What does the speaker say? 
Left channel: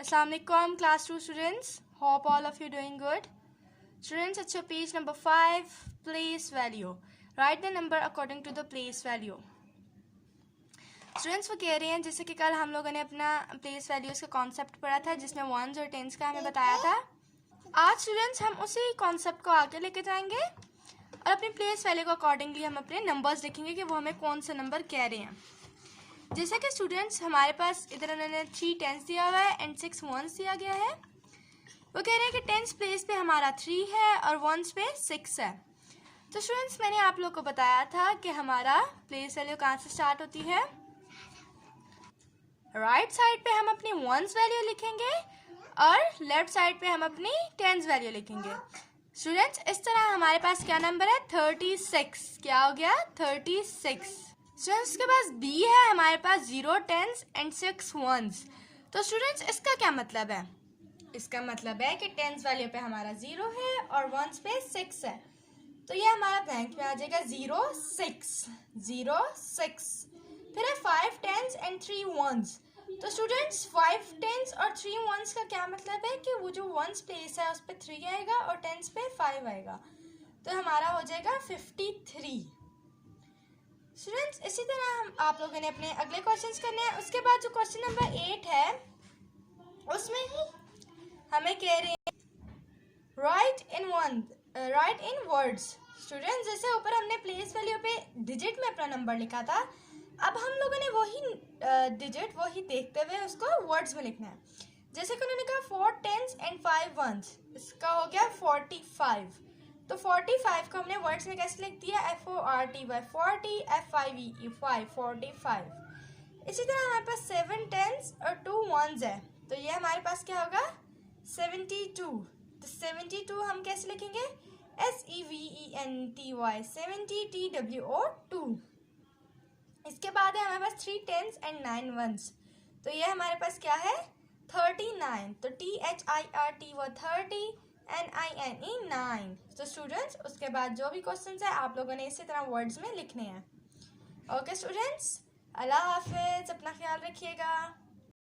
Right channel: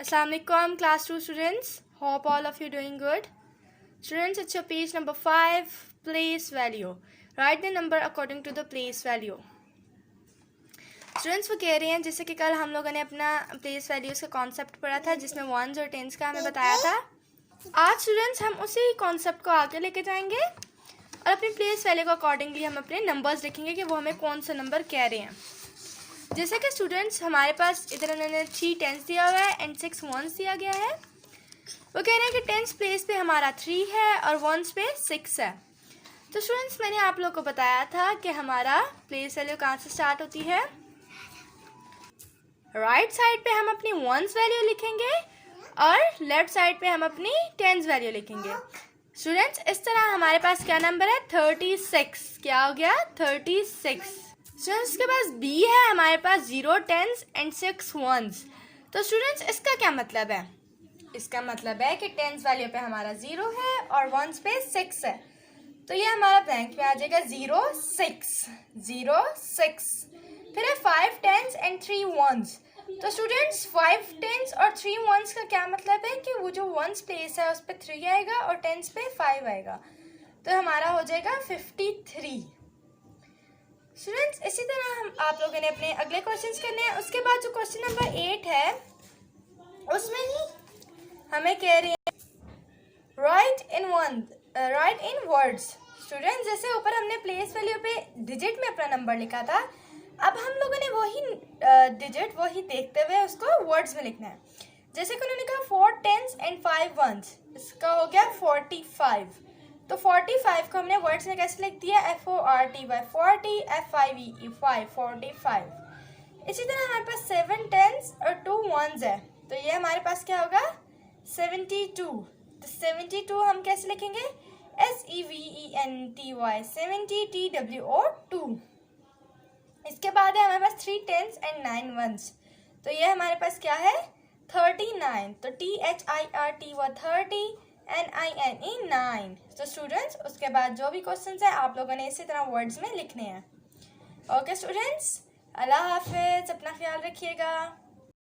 Assalamualaikum class 2 students. Hope all of you doing good. Students, it's your page number 5, place value. Write the number according to the place value. Students वो कह रही हैं जैसे कि कल हम लोगों ने अपना प्लेस वैल्यूज़ का कॉन्सेप्ट पढ़ा था जिसमें वंस और टेंस का हमें बताया था. आज स्टूडेंट्स हम उसी कॉन्सेप्ट को आगे लेके जाएंगे और अपनी प्लेस वैल्यू को अकॉर्डिंगली हम अपने नंबर्स लिखेंगे कि वो हमें कौन सा नंबर कह रहे हैं. जैसे कि स्टूडेंट्स हमारे पास इधर उन्होंने 3 टेंस दिया हुआ है एंड 6 वंस दिया गया है. वो कह रहे हैं कि टेंस प्लेस पे हमारा 3 है और वंस पे 6 है. तो स्टूडेंट्स मैंने आप लोग को बताया था कि हमारा प्लेस वैल्यू कहाँ से स्टार्ट होती है. राइट साइड पे हम अपनी वंस वैल्यू लिखेंगे और लेफ्ट साइड पे हम अपनी टेंस वैल्यू लिखेंगे. स्टूडेंट्स इस तरह हमारे पास क्या नंबर है 36. क्या हो गया 36. स्टूडेंट्स के पास B है, हमारे पास 0 टेंस एंड 6 वंस. तो स्टूडेंट्स इसका क्या मतलब है. इसका मतलब है कि टेंस वैल्यू पे हमारा 0 है और वंस पे 6 है. तो ये हमारा ब्लैंक में आ जाएगा 0 6. फिर है 5 टेंस एंड 3 वंस. तो स्टूडेंट्स 5 टेंस और 3 वंस का क्या मतलब है कि वो जो वंस प्लेस है उस पर 3 आएगा और टेंस पे 5 आएगा. तो हमारा हो जाएगा 53. स्टूडेंट्स इसी तरह हम आप लोगों ने अपने अगले क्वेश्चंस करने हैं. उसके बाद जो क्वेश्चन नंबर 8 है उसमें ही हमें कह रही है राइट इन वर्ड्स. स्टूडेंट्स जैसे ऊपर हमने प्लेस वैल्यू पे डिजिट में अपना नंबर लिखा था, अब हम लोगों ने वही डिजिट वही देखते हुए उसको वर्ड्स में लिखना है. जैसे कि उन्होंने कहा 4 टेंस एंड 5 वंस, इसका हो गया 45. तो 45 को हमने वर्ड्स में कैसे लिख दिया FORTY 40 FIVE 5 45. इसी तरह हमारे पास 7 टेंस और 2 वंस है, तो ये हमारे पास क्या होगा 72. तो 72 हम कैसे लिखेंगे SEVENTY 70 TWO 2. इसके बाद है हमारे पास 3 टेंस एंड 9 वंस, तो ये हमारे पास क्या है 39. तो THIRT 30 NINE 9. तो स्टूडेंट्स उसके बाद जो भी क्वेश्चंस है आप लोगों ने इसी तरह वर्ड्स में लिखने हैं. ओके स्टूडेंट्स, अल्लाह हाफिज, अपना ख्याल रखिएगा.